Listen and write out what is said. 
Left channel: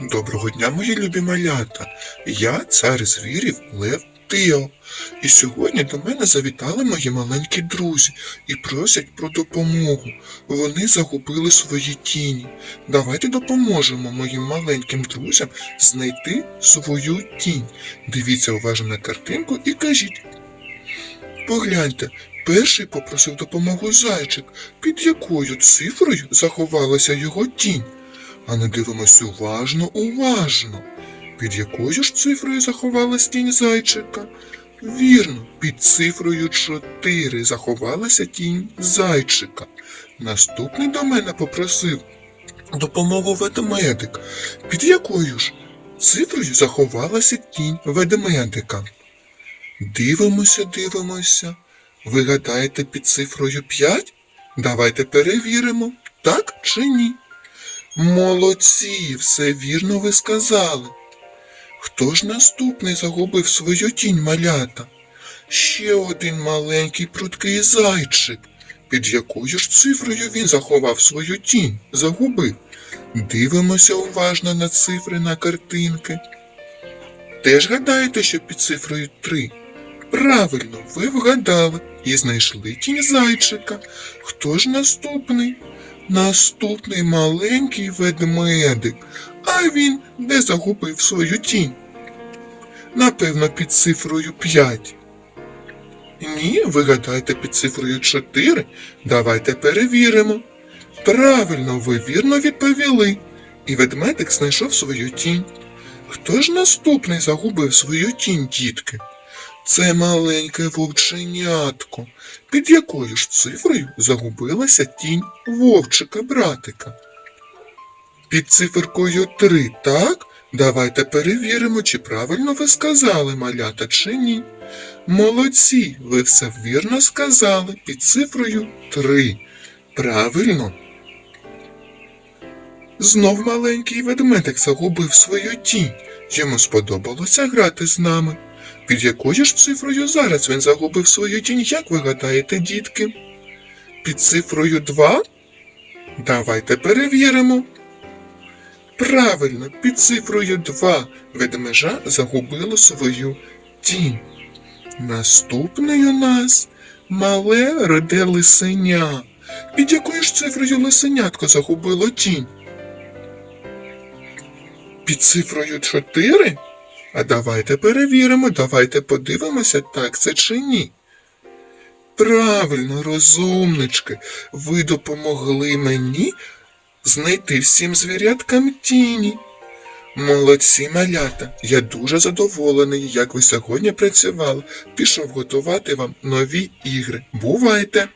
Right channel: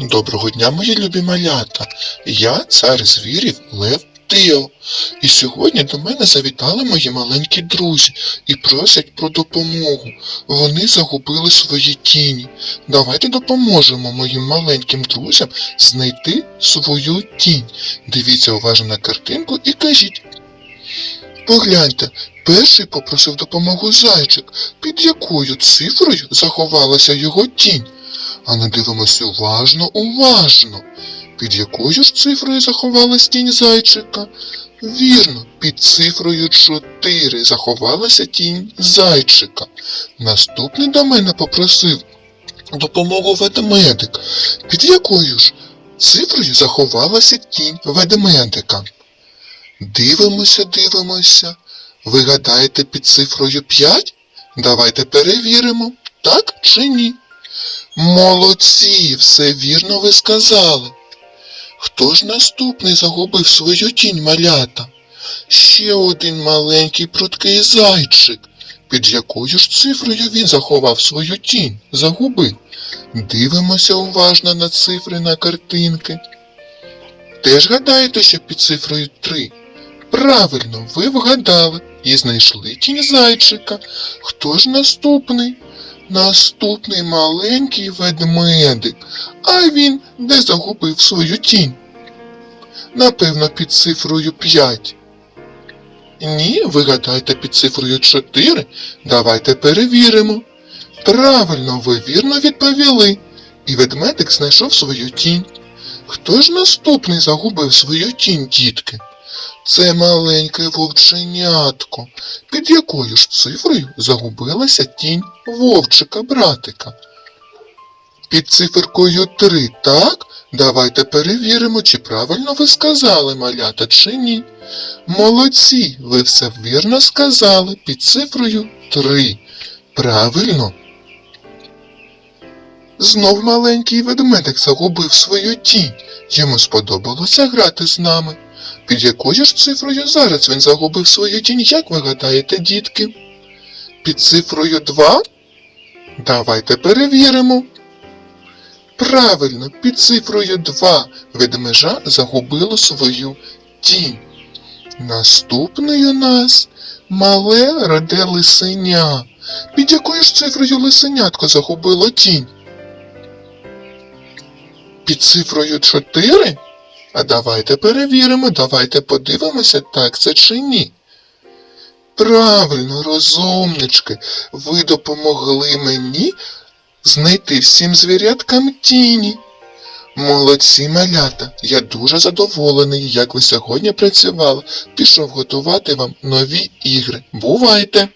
Доброго дня, мої любі малята. Я цар звірів Лев Тео. І сьогодні до мене завітали мої маленькі друзі і просять про допомогу. Вони загубили свої тіні. Давайте допоможемо моїм маленьким друзям знайти свою тінь. Дивіться уважно на картинку і кажіть. Погляньте, перший попросив допомогу зайчик, під якою цифрою заховалася його тінь. А не дивимося уважно, уважно. Під якою ж цифрою заховалась тінь зайчика? Вірно, під цифрою 4 заховалася тінь зайчика. Наступний до мене попросив допомогу ведмедик. Під якою ж цифрою заховалася тінь ведмедика? Дивимося, дивимося. Ви гадаєте під цифрою 5? Давайте перевіримо, так чи ні. Молодці, все вірно ви сказали. Хто ж наступний загубив свою тінь малята? Ще один маленький пруткий зайчик. Під якою ж цифрою він заховав свою тінь? Загубив. Дивимося уважно на цифри на картинки. Теж гадаєте, що під цифрою 3? Правильно, ви вгадали і знайшли тінь зайчика. Хто ж наступний? Наступний маленький ведмедик. А він де загубив свою тінь? Напевно, під цифрою 5. Ні, ви гадаєте під цифрою 4. Давайте перевіримо. Правильно, ви вірно відповіли. І ведмедик знайшов свою тінь. Хто ж наступний загубив свою тінь, дітки? Це маленьке вовченятко. Під якою ж цифрою загубилася тінь вовчика братика? Під циферкою 3, так? Давайте перевіримо, чи правильно ви сказали, малята, чи ні. Молодці, ви все вірно сказали під цифрою 3. Правильно. Знов маленький ведмедик загубив свою тінь. Йому сподобалося грати з нами. Під якою ж цифрою зараз він загубив свою тінь, як ви гадаєте, дітки? Під цифрою 2? Давайте перевіримо. Правильно, під цифрою 2 ведмежа загубило свою тінь. Наступний у нас мале роде лисеня. Під якою ж цифрою лисенятко загубило тінь? Під цифрою 4? А давайте перевіримо, давайте подивимося, так це чи ні. Правильно, розумнички, ви допомогли мені знайти всім звіряткам тіні. Молодці малята, я дуже задоволений, як ви сьогодні працювали. Пішов готувати вам нові ігри. Бувайте!